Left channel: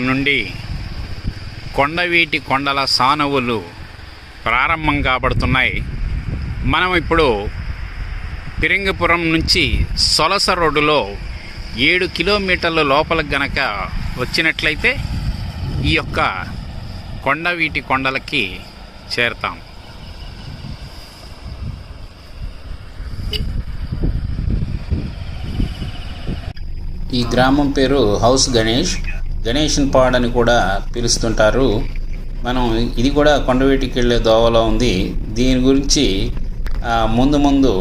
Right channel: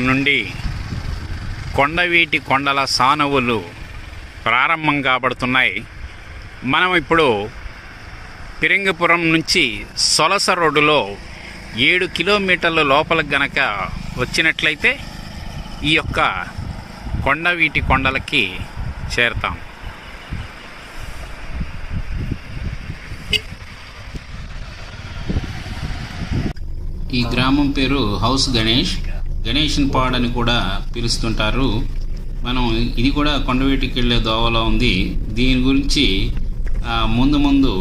నుండి కొండవీటి కొండల సానువులు ప్రారంభం కాబడుతున్నాయి. మనం ఇప్పుడు పిరింగపురం నుంచి సొలస రోడ్డులో 7 కిలోమీటర్ల లోపలికి గనక వచ్చినట్లయితే ఈ యొక్క కొండవీటి కొండలకి చేరుతాం. ఈ గ్రామం పేరు హౌస్ గణేషన్ పాడ్ అని కూడా పిలుస్తుంటారు. మనం ఇది కూడా కొండవీటికి వెళ్ళే దోవలో ఉంది. దీని గురించి ముందు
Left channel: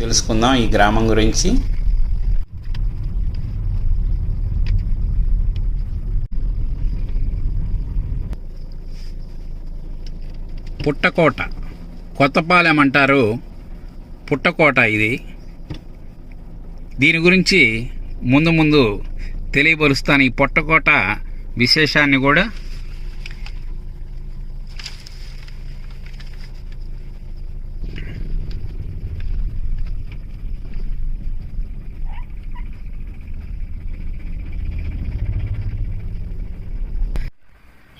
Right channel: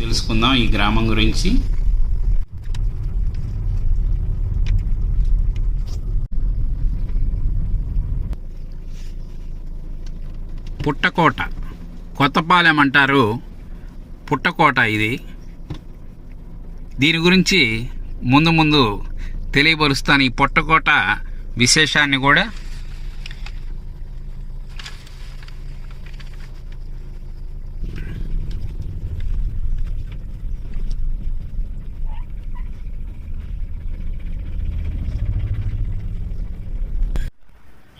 తెలుసుకుందాం ఈ గ్రామం గురించి. పుట్టకోట, కొత్తపాలెం అంటారు. పుట్టకోట ఇది. దీని గురించి ముందు తెలియపరుస్తాను. ఈ పుట్టకోట విశేషాన్ని కూడా.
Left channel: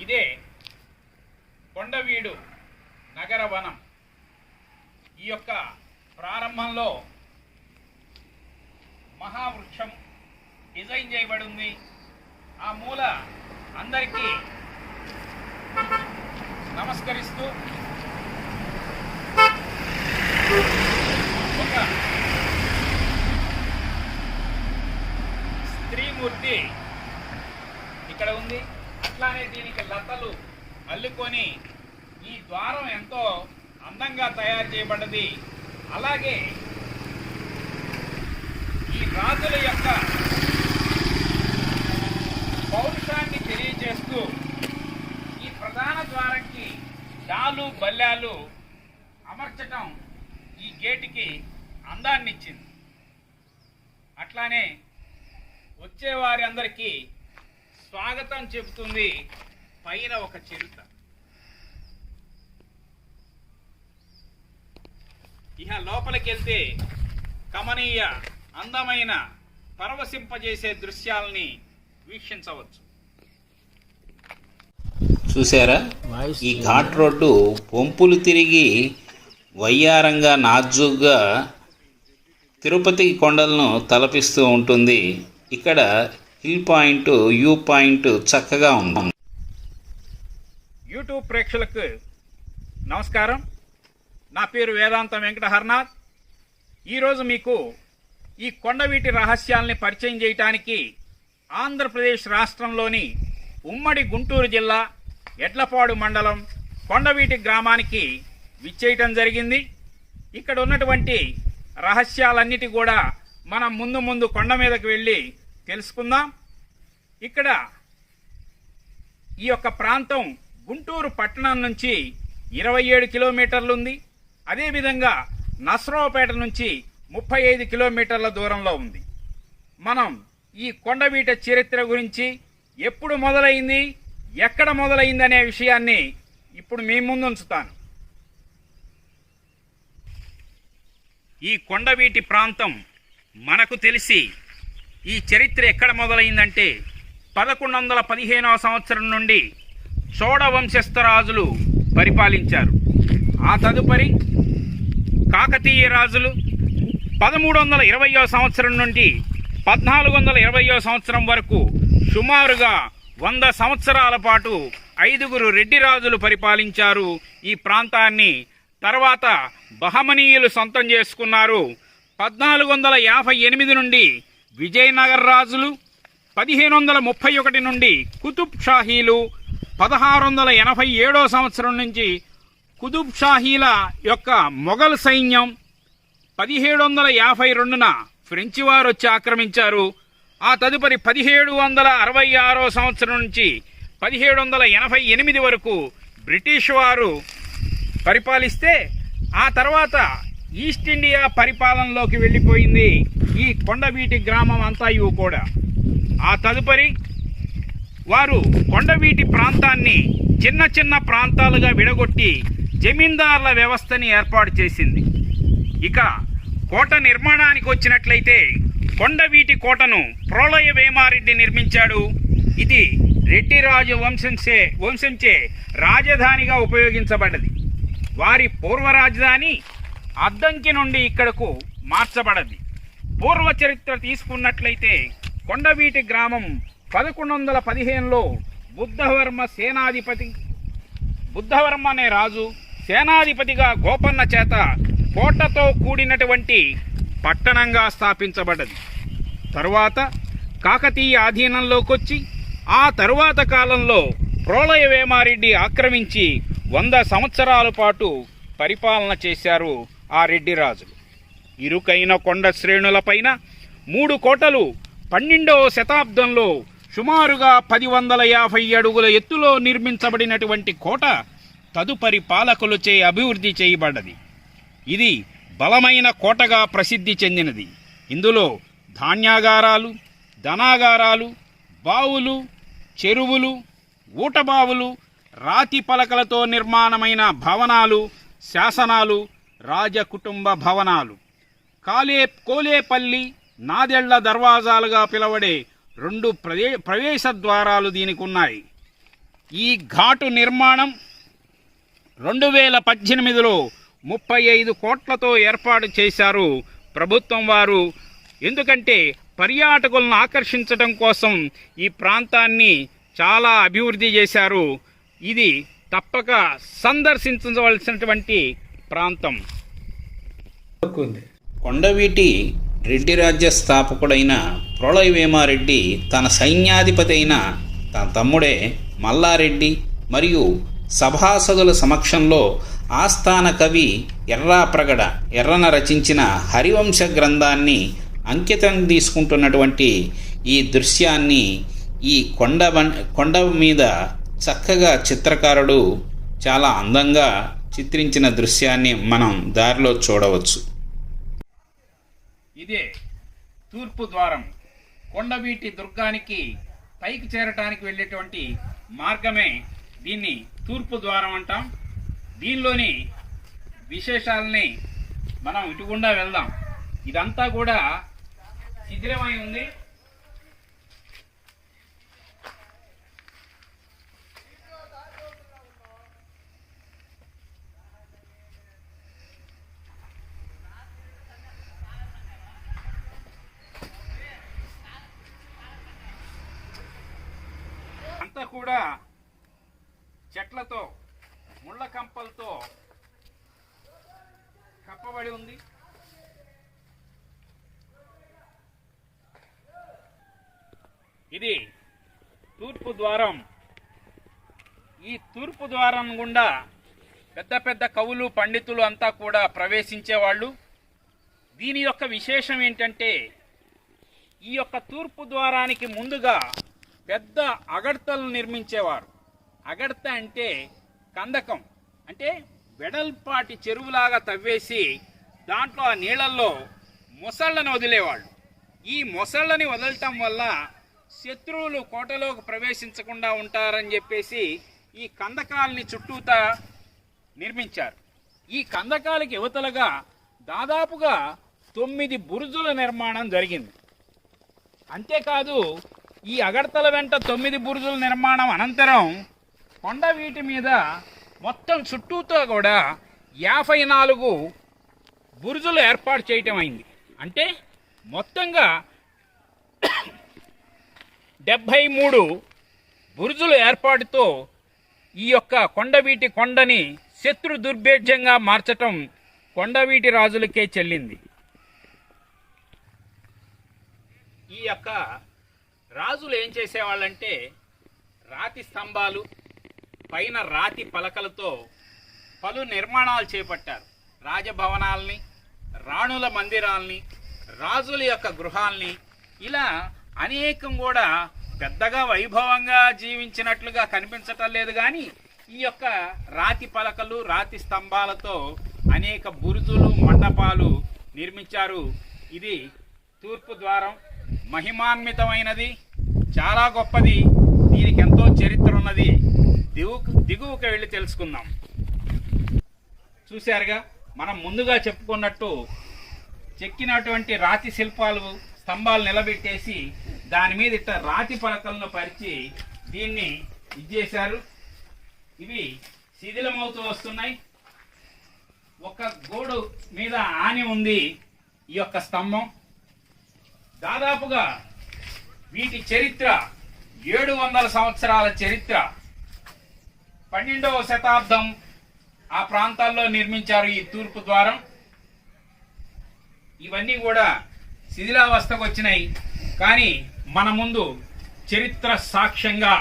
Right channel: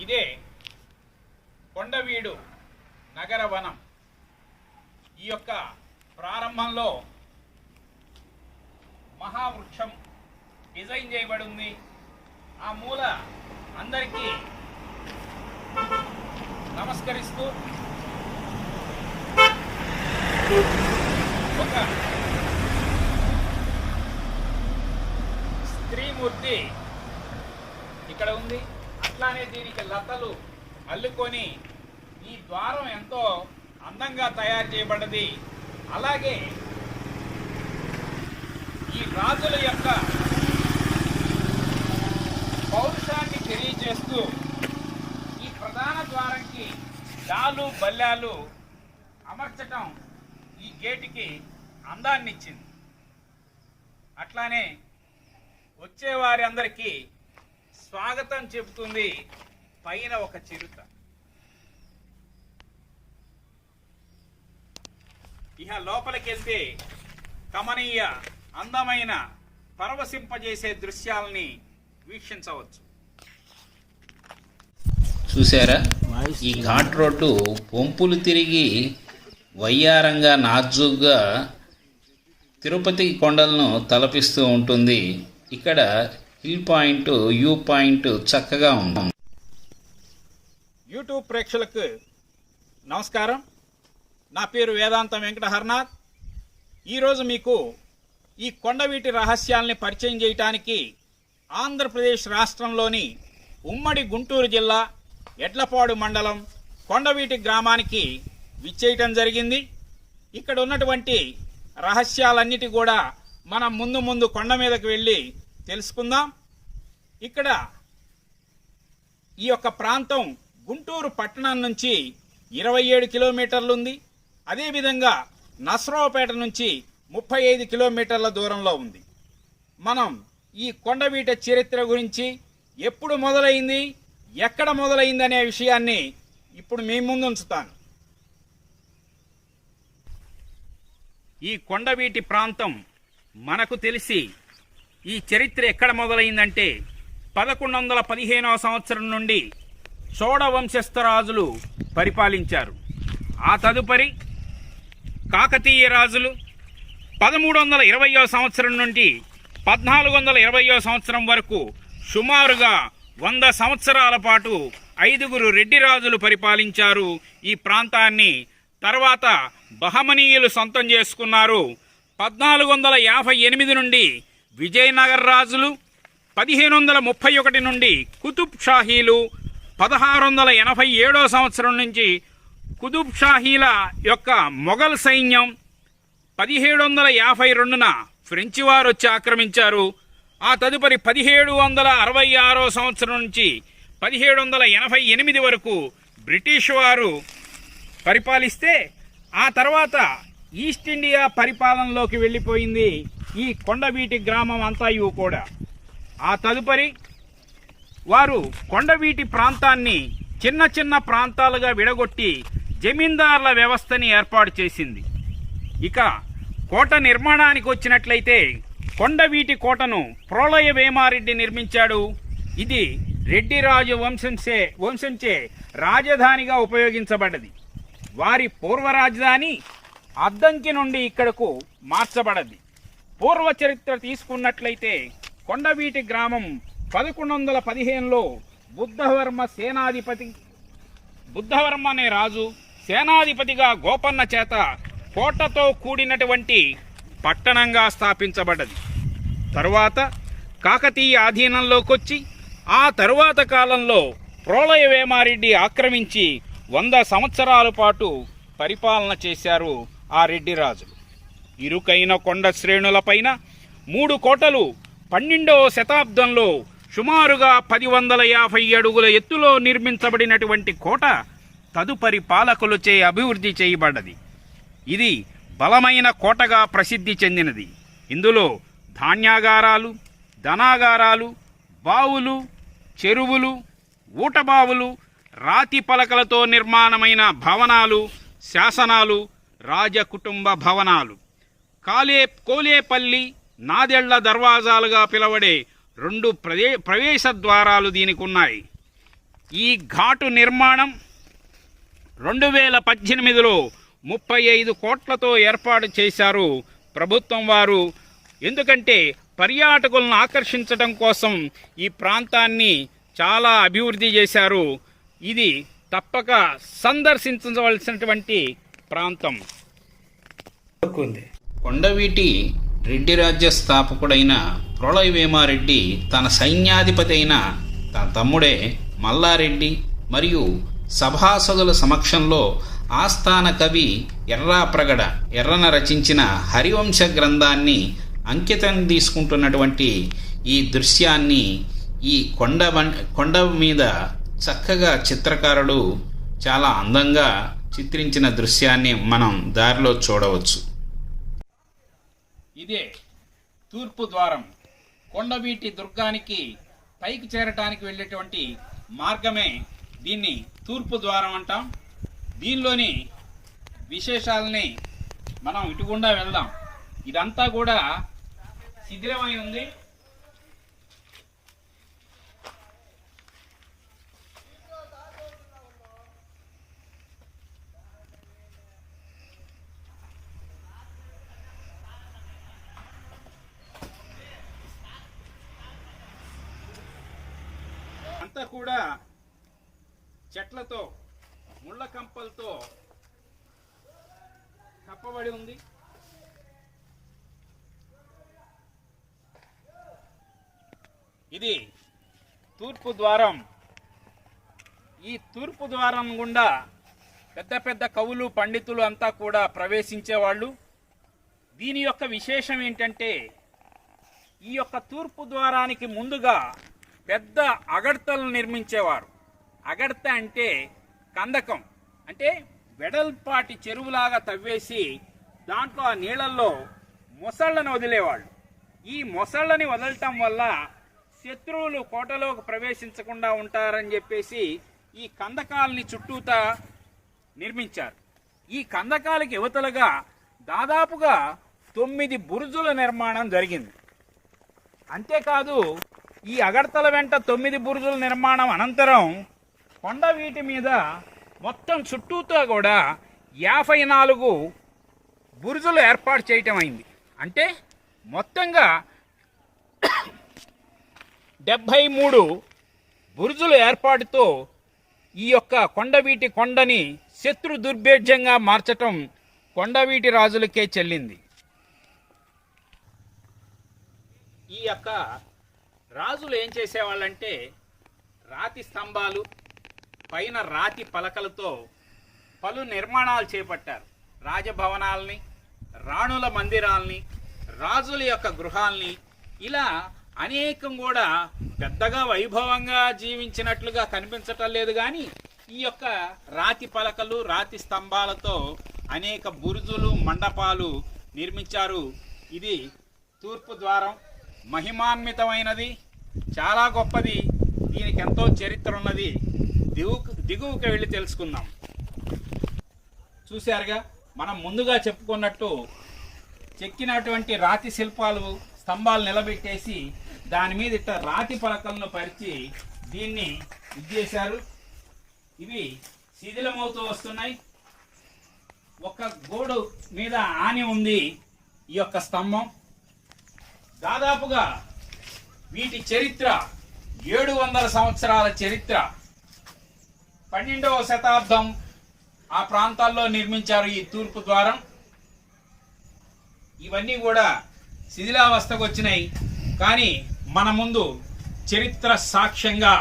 ఇదే కొండవీడు నగరవనం. ఈ యొక్క ప్రారంభంలో మహావృక్షం డిజైన్ చేయబడి ఉంది. ఆ మూల అందరికీ నమస్కరిస్తూ ఒక స్త్రీమూర్తి ఇక్కడ ఉంది. అట్లానే దీనికి లతలు అల్లుకొని ఈ ద్వారం ఎంతో అందంగా తయారు చేయబడ్డది. అలాగే ఈ రాజుల యొక్క పౌరుషాన్ని తెలియజేస్తూ ఈ ప్రధాన ద్వారంకి డాలు బల్లాలు అమర్చటం ఈ గేటుకి అందాన్ని ఇచ్చింది. అట్లానే వచ్చేవారి అందరికీ స్వాగతం చెబుతుంది పైన ఒక చిరుత. ఇహ లోపలికి వెళ్తే కమనీయ అందమైన పరవశింపజేసే దృశ్యాలని వీక్షించవచ్చు. చూసారా, ఈ ఘాట్ రోడ్డు వంపులు తిరిగి వయ్యారంగా నాజుగ్గా తిరుపతి కొండలను తలపిస్తూ ఉంటుంది. ఇక్కడ హిల్ పాయింట్, వ్యూ పాయింట్ చక్కగా ఉంటుంది. యూట్యూబ్ ప్రేక్షకులకు నమస్కారం. నా పేరు వేదాంతం వెంకట హర్నాథ్. ఈరోజు మీకు ఈ కొండవీటి రహస్యాల్ని పరిచయం చేయటానికి ఆంధ్రప్రదేశ్ రాష్ట్రంలోని ఉమ్మడి గుంటూరు జిల్లా ఎడ్లపాడు మండలం కొండవీటి గ్రామానికి విచ్చేయటం జరిగింది. ఇక్కడ ఉన్నటువంటి రహస్యాలన్నిటి కూడా మనం ముందు కొండ మీదకి వెళ్ళి తెలుసుకుందాం. ఇక్కడ ఈ యొక్క ప్రాంతం గుంటూరు పట్టణం నుంచి 27 కిలోమీటర్లు ఉంది. అదేవిధంగా నసరావుపేట నుంచి 35 కిలోమీటర్ల దూరంలో ఉంది. మనం ఈ కొండవీట చరిత్ర గురించి ఎప్పుడు మొదలైంది, ఎక్కడ మొదలైంది అనే విషయాన్ని ఇప్పుడు మీ ముందు ఉంచుతాను. ఈ కొండవీటి ప్రాంతం మనకు తెలిసి ఈ చరిత్ర ఎక్కడ మొదలైందంటే 1115వ సంవత్సరం నుండి చోళ వంశస్థరాజులు పరిపాలించారు. ఆ తదుపరి కాకతీయ రాజులు 1320వ సంవత్సరం నుండి 1420వ సంవత్సరం వరకు సుమారుగా 100 సంవత్సరాల పాటు 5 రెడ్డి రాజులు పరిపాలించారు ఈ ప్రాంతాన్ని. తర్వాత బహమనీయులు సొంతం చేసుకున్నారు. 1458 నుండి విజయనగర రాజులు, 1531 నుండి కుతుబ్ షాహీలు, 1687వ సంవత్సరం నుంచి కుతుబ్ షాహీల యొక్క మొఘల్ సైన్యం, 1752న ఫ్రెంచి వారు వచ్చి ఆక్రమించారు. ఆ తదుపరి 1766వ సంవత్సరం నుంచి 1788 వరకు బ్రిటిష్ వారు పరిపాలిస్తే ఆ తర్వాత ఈస్ట్ ఇండియా పరిపాలనలోకి వెళ్ళిపోయింది ఈ కొండవీటి గ్రామం అంతా కూడా. ఆ తదుపరి వారు కొండవీటి ప్రాంతాన్ని చిన్న ప్రాంతాలుగా విడగొట్టి జమీందారుల వ్యవస్థని ఏర్పాటు చేసింది. ఇక కోట నిర్మాణానికి వచ్చినట్లయితే కొండవీటి కోటను ప్రోలయ వేమారెడ్డి నిర్మించాడు. ఇది రెడ్డిరాజు వంశంచే రాజధానిగా ఉపయోగించబడ్డది. వారి పూర్వ రాజధాని అద్దంకి నుండి ఇక్కడకు మార్చబడది. పూర్వ చరిత్ర తీసుకున్నట్లయితే కొండవీటి గ్రామం 1115లో బుద్ధవర్మ అనే రాజు సేనాధిపతిగా గోపన్న చేత కోటతో కూడినటువంటి పట్టణంగా స్థాపించబడ్డది. తరువాత కాకతీయ ఆధీనంలోకొచ్చి ఆ తరువాత కాలంలో ప్రోలయ వేమారెడ్డి ఆక్రమించి 100 సంవత్సరాల పాటు పరిపాలన చేశారు ఆ రెడ్డి రాజులు. ఇరుకైన కొండ శ్రేణులపైన 3 కోటలు 12వ శతాబ్దంలో సుమారుగా 1050 అడుగుల ఎత్తులో నిర్మించబడినటువంటి కోట తదుపరి పాలకులచే అభివృద్ధి చేయబడ్డది. ఇది బలమైన కోటగా ప్రసిద్ధి చెందినది. ఇందులో ధాన్యాగారాలు, ధనాగారాలు, బావులు, చెరువులు, ఊటబావులు, రాతి పలకలతో నిర్మాణమైన భవనాలు, శాసనాలు, రాజకుటుంబ భవనాలు, కోలేపల్లి, నాదెళ్ల దర్వాజాలుగా పిలవడే 2 ప్రవేశ ద్వారాలు దీనికి ఉన్నాయి. ఈ ఘాటు నిర్మాణం 2018లో 35 కోట్లతో ఏర్పాటు చేశారు ప్రభుత్వం వారు. ఎందుకంటే పర్యాటకులను ఆకర్షించడం కోసం ఈ ప్రాంతాన్ని చాలా అభివృద్ధి చేశారు. ఇది తప్పక సందర్శించవలసినటువంటి ప్రాంతం. కొండవీటి రెడ్డి రాజ్య స్థాపకుడైన ప్రోలయ వేమారెడ్డి తన సైన్యాధిపతి అయిన తన తమ్ముడే మల్లారెడ్డి మరియు సభాసదుల సమక్షంలో ఆస్థాన కవి ఎర్రాప్రగడ ఎర్రన రచించిన హరివంశ గ్రంథాన్ని అంకితం తీసుకుంటున్నటువంటి ఈ దృశ్యాన్ని ఈ కొండ మీద చక్కగా చిత్రకారుడు చాలా అందంగా చిత్రించిన దృశ్యాన్ని మనం దారిలో చూడవచ్చు. ఇదే తూర్పు ద్వారం. కొండవీటి దుర్గానికి పైకి చేరటానికి వెళ్ళేటువంటి మార్గమే దీన్ని తూర్పు ద్వారం అంటాం. దీనిలోని విశేషాలని మనం ఇటుగుండా వెళ్దాం. ఇదంతా కూడా శిథిలమై ఉంది. అంతా కూడా చెట్లతో, ముళ్ళ కంపలతో కప్పబడి ఉంది. ఇది తూర్పు ద్వారం. ఈ తూర్పు ద్వారం గుండా పెద్ద పెద్ద కవులు, పండితులు అంతా కూడా ప్రవేశించేవాళ్ళు. దీని యొక్క విశేషం ఏంటంటే ఈ యొక్క తూర్పు ద్వారానికి ముందుగా పెద్ద అగడ్తలను నిర్మించేవారు. అగడ్త అంటే కందకం, అంటే వెడల్పాటి చెరువులాగా తవ్వేసి దాంట్లో ఆ నీళ్ళల్లో మొసళ్ళను వదిలేవాళ్ళు. ఈ మొసళ్ళని వదలటం వల్ల శత్రువులు కోటలోకి ప్రవేశించకుండా ఉంటారని చెప్పేసి ఈ కందకాలని చుట్టూతా నిర్మించారు. ఈ కందకాలకి యువతలుగా దాదాపుగా 9 బురుజుల నిర్మాణం జరిగింది. అంతేకాదు ఈ అగడ్తల వెంట 9 బురుజుల నిర్మాణం అనంతరం కొండవీటి మీద మొత్తం చుట్టూతో కూడా 54 బురుజులు ఏర్పాటు చేయటం అయింది. అంటే మొత్తంగా 73 బురుజుల ఏర్పాటుతో ఈ యొక్క కొండవీటి కొండని శత్రు దుర్భేద్యంగా మార్చటం కొండవీటి రాజులకే చెల్లింది. ఈ యొక్క రాజులు ఏం చేసేవాళ్ళంటే రాతి స్తంభాలు పైన రాతి పలకలతో పలు నిర్మాణాలు చేపట్టారు. రాజభవనాల్ని, రాణుల మందిరాల్ని, రాజుల యొక్క గృహాల్ని, ఇలా అనేకం కూడా పెద్దగా వైభవంగా జీవించినట్లుగా కనిపించటం లేదు. కానీ ఈ యొక్క రాతి పలకలు, రాతి స్తంభాలతో అనేక బురుజులు, మండపాలు నిర్మించారు. ఇది తూర్పు ద్వారం. మహిమాన్వితమైనది, చాలా గొప్పది. దీనికి ఎంతో చరిత్ర ఉన్నది. దిగువకు వెళ్ళి తెలుసుకుందాం. చూశారుగా, మనం ముందుగా చెప్పుకున్నట్టు చెక్కినటువంటి రాతి శిల్పాలు, స్తంభాలు నిలబెట్టేసి దాని మీద ఇట్లా రాతి పలకలను పరిచి దీన్ని చేశారు. ఇవి శిథిలమవుతూ వస్తున్నాయి. ఒక గోడు మీద ఆని ఉంది ఈ యొక్క స్తంభం. దాదాపుగా వీటి చరిత్ర 700 సంవత్సరాల చరిత్ర. 12వ శతాబ్దం ఆ ప్రాంతాల్లో నిర్మించారు ఈ తూర్పు ద్వారం. ఇవన్నీ కూడా శిథిలావస్థకు వచ్చినాయి, కానీ మన ముందు చరిత్ర సాక్ష్యంగా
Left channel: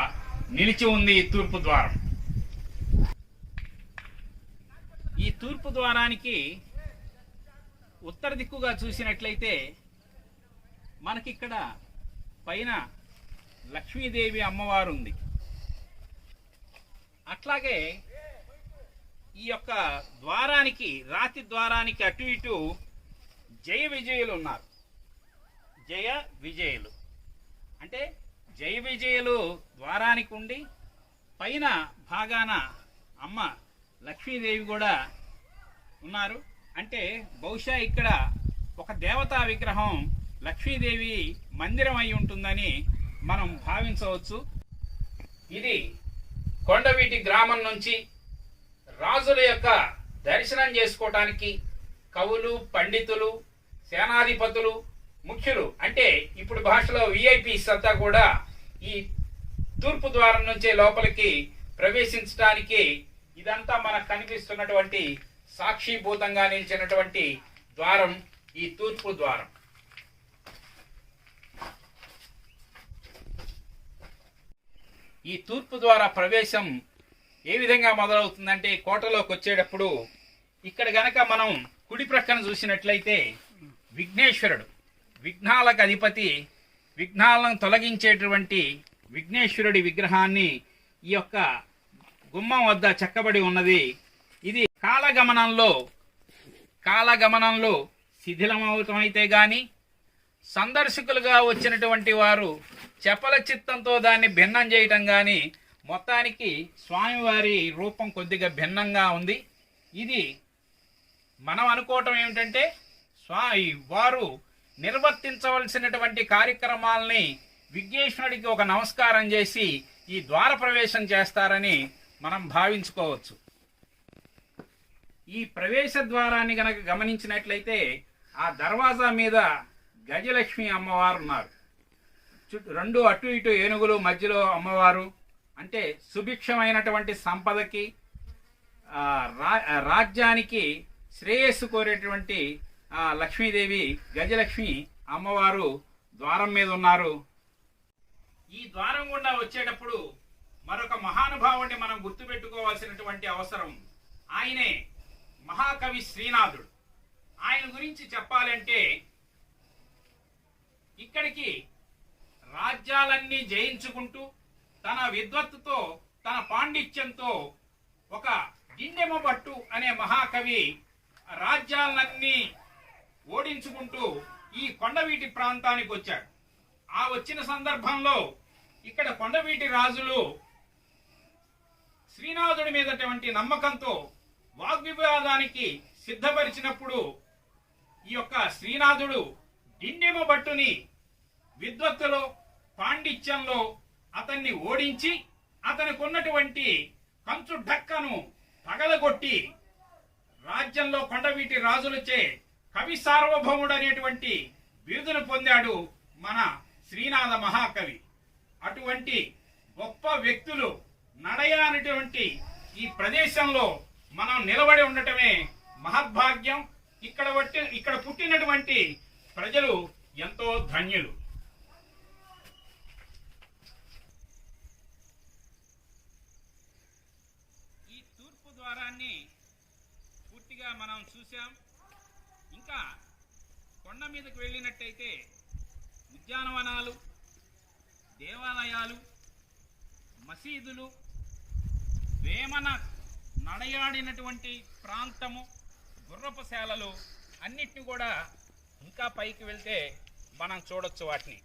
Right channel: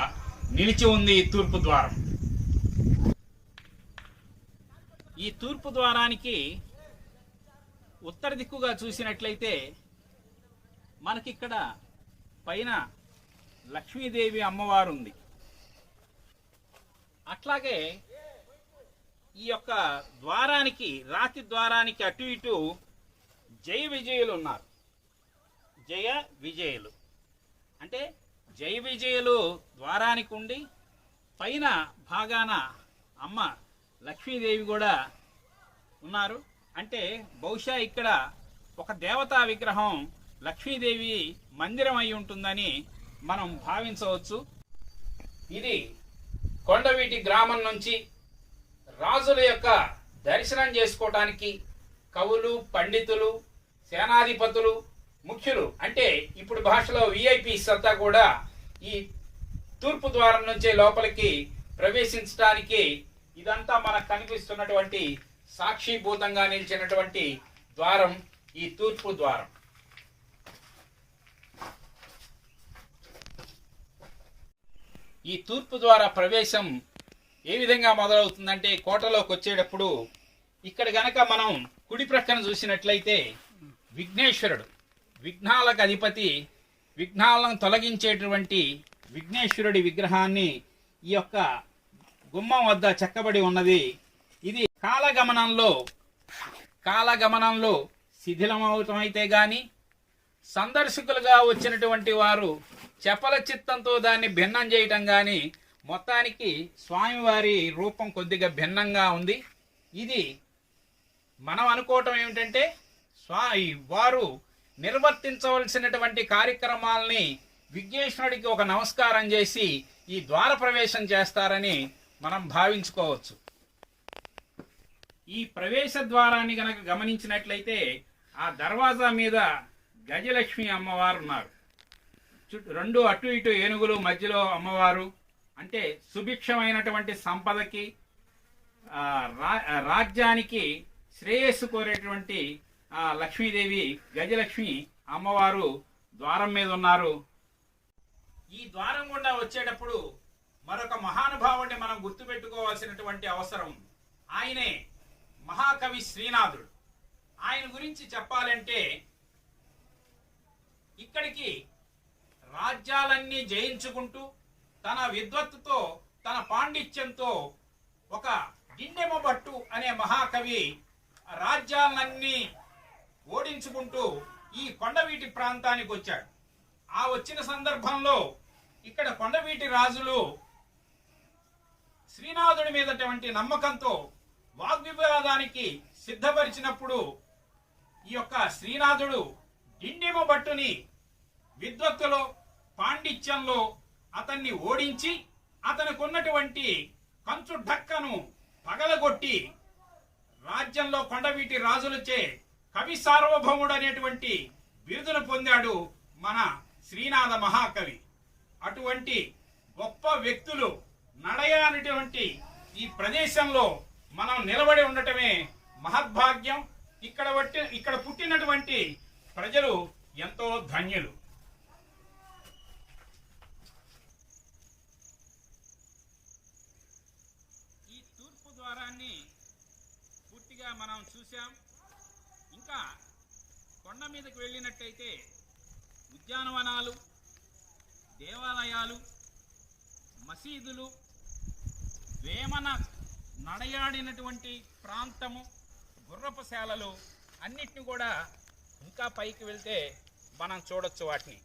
నిలిచి ఉంది ఈ తూర్పు ద్వారం. ఈ తూర్పు ద్వారానికి ఉత్తర దిక్కుగా చూసినట్లయితే మనకిక్కడ పైన లక్ష్మీదేవి అమ్మవారు ఉంది. అట్లాగే ఈ యొక్క ద్వారానికి, రాతి ద్వారానికి అటు ఇటు జయ విజయులు ఉన్నారు. జయ విజయులు అంటే జయ విజయులు ద్వారానికి ఉండి పైన భాగాన అమ్మ లక్ష్మీదేవి కూడా ఉన్నారు. అంటే బహుశా ఇక్కడ ఒక దేవతా విగ్రహం లక్ష్మీదేవి మందిరం అయి ఉంటుందని మనం భావించవచ్చు. ఇది కొండవీటి గ్రామం నుంచి రాజుల యొక్క దర్శనం చేసుకోవటానికి కవులు, పండితులు, సేనాధిపతులు, ముఖ్యులు అంటే ఇప్పుడు భాషలో విఐపీస్ అంతా కూడా ఈ తూర్పు ద్వారం నుంచే లోపలికి ప్రవేశించడానికి ఇదంతా మనకు కనిపిస్తున్నటువంటి సాక్షిభూతంగా నిలిచినటువంటి ద్వారం ఈ తూర్పు ద్వారం. ఈ తూర్పు ద్వారా ప్రవేశం ఏ విధంగా మొదలవుతుందంటే కోటలోకి వచ్చేటప్పుడు ఇక్కడ గనక మనం కుడి ప్రక్కన చూసినట్లయితే విఘ్నేశ్వరుడు, విఘ్నాలకు అధిపతి, విఘ్నాలను తొలగించేటువంటి విఘ్నేశ్వరుడి విగ్రహాన్ని ఈ యొక్క గుమ్మం వద్ద చెక్కబడి ఉన్నది. ఇది కాలగమనంలో శిథిలమవటం అయితే గాని సందర్శకులుగా వచ్చినటువంటి వారు చపల చిత్తంతో దాన్ని భిన్నం చేయటం గాని మొత్తానికి స్వామివారి రూపం కొద్దిగా భిన్నంగా ఉంది. ఇది మనం అనుకోవటం ఏమిటంటే వారు నిర్వర్తించవలసినటువంటి కార్యక్రమాలని విఘ్నేశ్వరుడికి ఒక నమస్కారం చేసి ఈ ద్వార ప్రవేశం చేస్తారని మనం భావించుకోవచ్చు. ఈ ప్రవేశ ద్వారాన్ని గనక గమనించినట్లయితే ఆ దర్వాజా మీద గజలక్ష్మి అమ్మవారు ఉన్నారు. రెండు అటు ఇటు ఏనుగులు, మధ్యలో అమ్మవారు. అంటే సుభిక్షమైనటువంటి సంపదకి, రాజ్యానికి శ్రేయస్సు కోరేటువంటి లక్ష్మీదేవి గజలక్ష్మి అమ్మవారు ద్వారం మీద ఉన్నారు. ఈ ద్వారం గుండా వచ్చేటప్పుడు మరొక మహానుభావుడిని మనం గుర్తుపెట్టుకోవాల్సినటువంటి అవసరం. ఆయనే మహాకవి శ్రీనాథుడు. ఆయన గురించి చెప్పాలంటే ఇక్కడికి రాజ్యాలన్నీ జయించుకుంటూ తన విద్వత్తుతో, తన పాండిత్యంతో ఒక దిండెమబట్టు అనే మహాకవి రాజ్యాలన్నీ ఓడించుకుంటూ ఈ కొండవీటి ప్రాంతానికి వచ్చాడు. ఆ వచ్చిన సందర్భంలో ఇక్కడ కొండవీటి రాజులు శ్రీనాథుడి మీదటువంటి నమ్మకంతో వాగ్వివాదానికి సిద్ధపరిచినప్పుడు ఈ యొక్క శ్రీనాథుడు డిండిమ భట్టుని విద్వత్తులో, పాండిత్యంలో అతన్ని ఓడించి అతనికి ఉన్నటువంటి కంచు ఢక్కను పగలగొట్టి రాజ్యంలో కొండవీటి రాజులచే కవి సార్వభౌముడు అనేటువంటి బిరుదును పొందాడు మన శ్రీనాథ మహాకవి. అటువంటి గొప్ప వ్యక్తులు నడయానటువంటి ఈ ప్రదేశంలో మనం నిలబడి ఉండటమే మహద్భాగ్యం. ఇక్కడ పుట్టినటువంటి ప్రజలు ఎంతో ధన్యులు. ఈ తూర్పు ద్వారాన్ని పూర్తిగా మనం చూసాం. ఇంకా కొండ మీదకి వెళ్ళినట్టయితే ఉద్యానవనాలు, దేవాలయాలు, మసీదులు, వేమన నడయాడినటువంటి ప్రాంతము, గుర్రపుశాలలు అన్నిటిని కూడా ఇంకా పైకి వెళ్తే మనం చూడొచ్చు వాటిని.